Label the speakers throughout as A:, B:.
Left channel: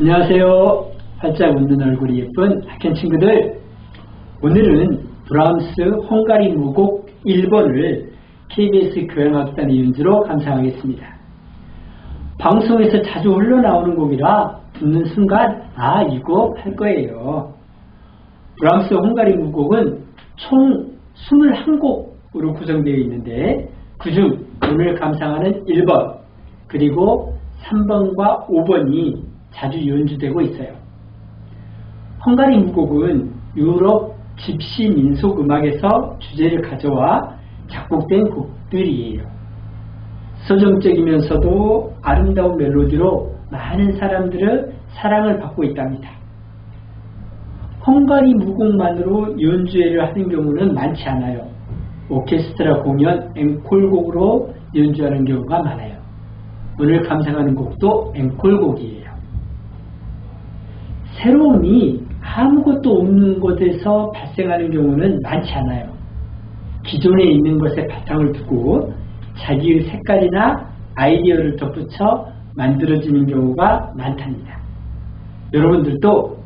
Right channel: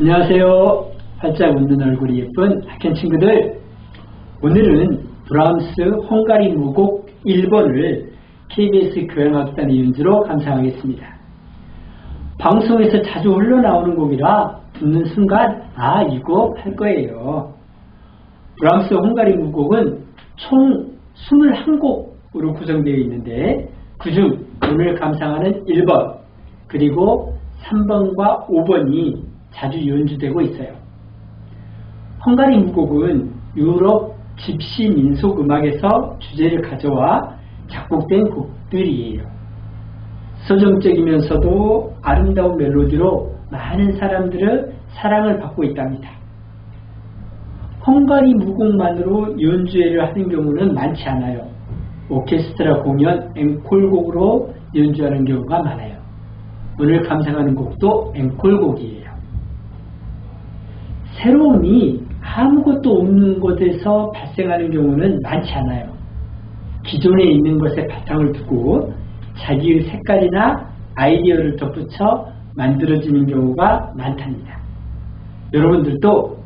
A: 안녕하세요. 활짝 웃는 얼굴이 예쁜 학생 친구들. 오늘은 브람스 헝가리 무곡 1번을 KBS 교향악단의 연주로 감상하겠습니다. 방송에서 자주 흘러나오는 곡이라 듣는 순간 아 이거 할 거예요. 브람스 헝가리 무곡은 총 21곡으로 구성되어 있는데 그중 오늘 감상하는 1번 그리고 3번과 5번이 자주 연주되고 있어요. 헝가리 무곡은 유럽 집시 민속 음악에서 주제를 가져와 작곡된 곡들이에요. 서정적이면서도 아름다운 멜로디로 많은 사람들의 사랑을 받고 있답니다. 헝가리 무곡만으로 연주회를 하는 경우는 많지 않아요. 오케스트라 공연 앵콜곡으로 연주하는 경우가 많아요. 오늘 감상하는 곡도 앵콜곡이에요. 새로움이 아무것도 없는 곳에서 발생하는 경우는 많지 않아요. 기존에 있는 것에 바탕을 두고 자기의 색깔이나 아이디어를 덧붙여 만들어지는 경우가 많답니다. 여러분들도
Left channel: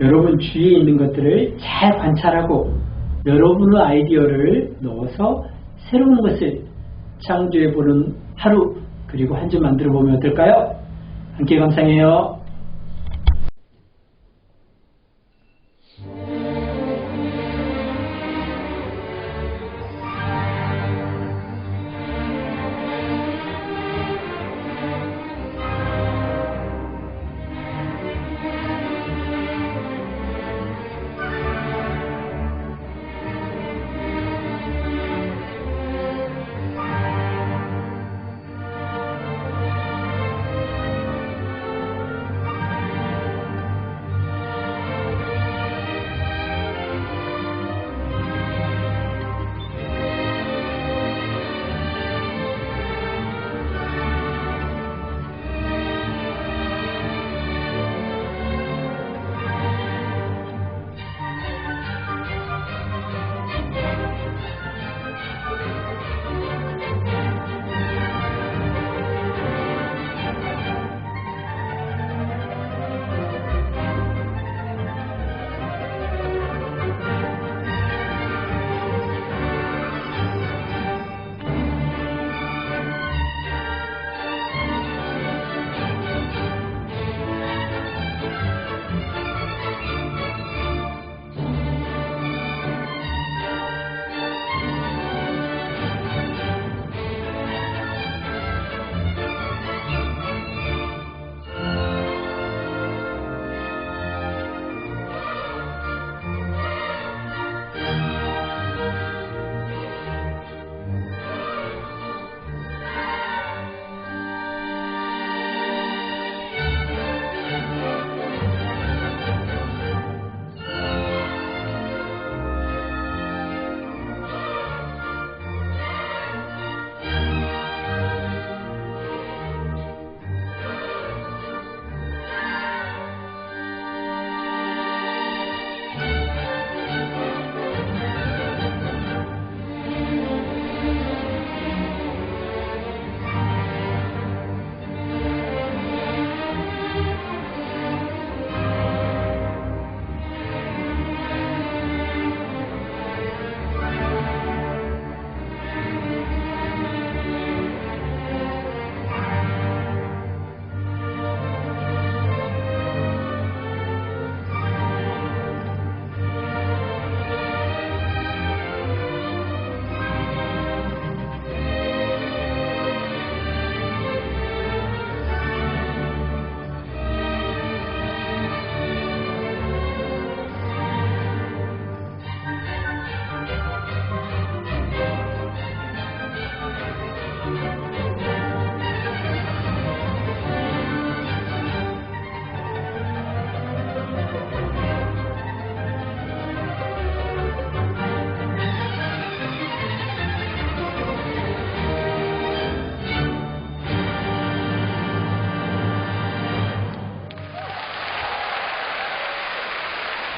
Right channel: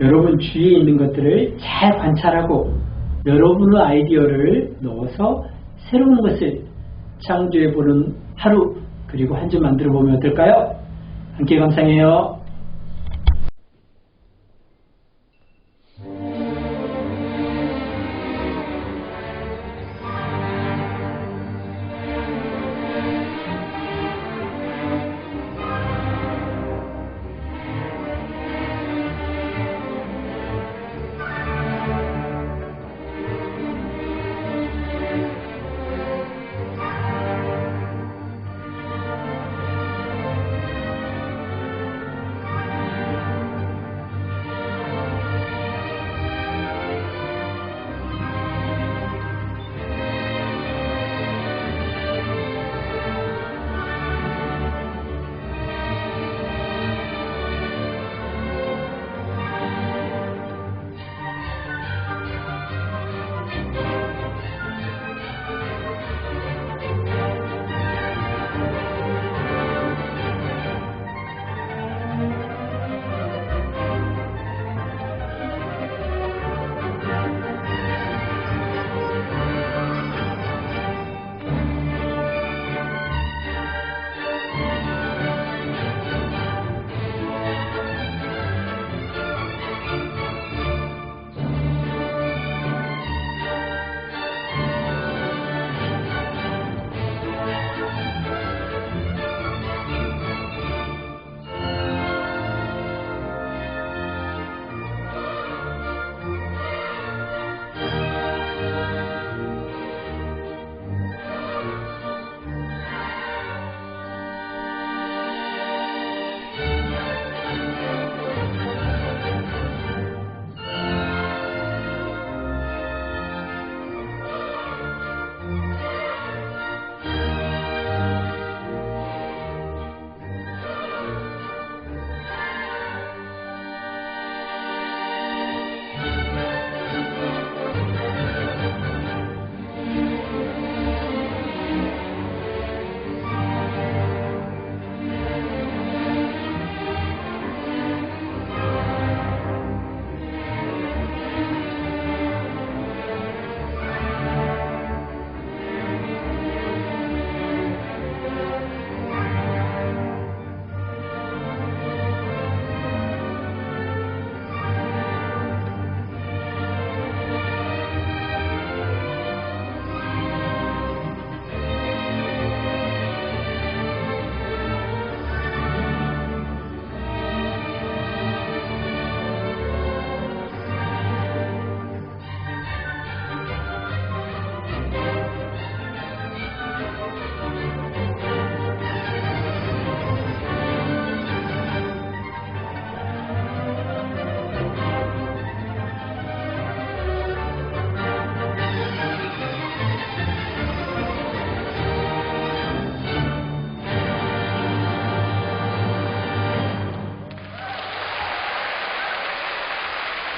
A: 여러분 주위에 있는 것들을 잘 관찰하고 여러분의 아이디어를 넣어서 새로운 것을 창조해보는 하루 그리고 한 주 만들어 보면 어떨까요? 함께 감상해요.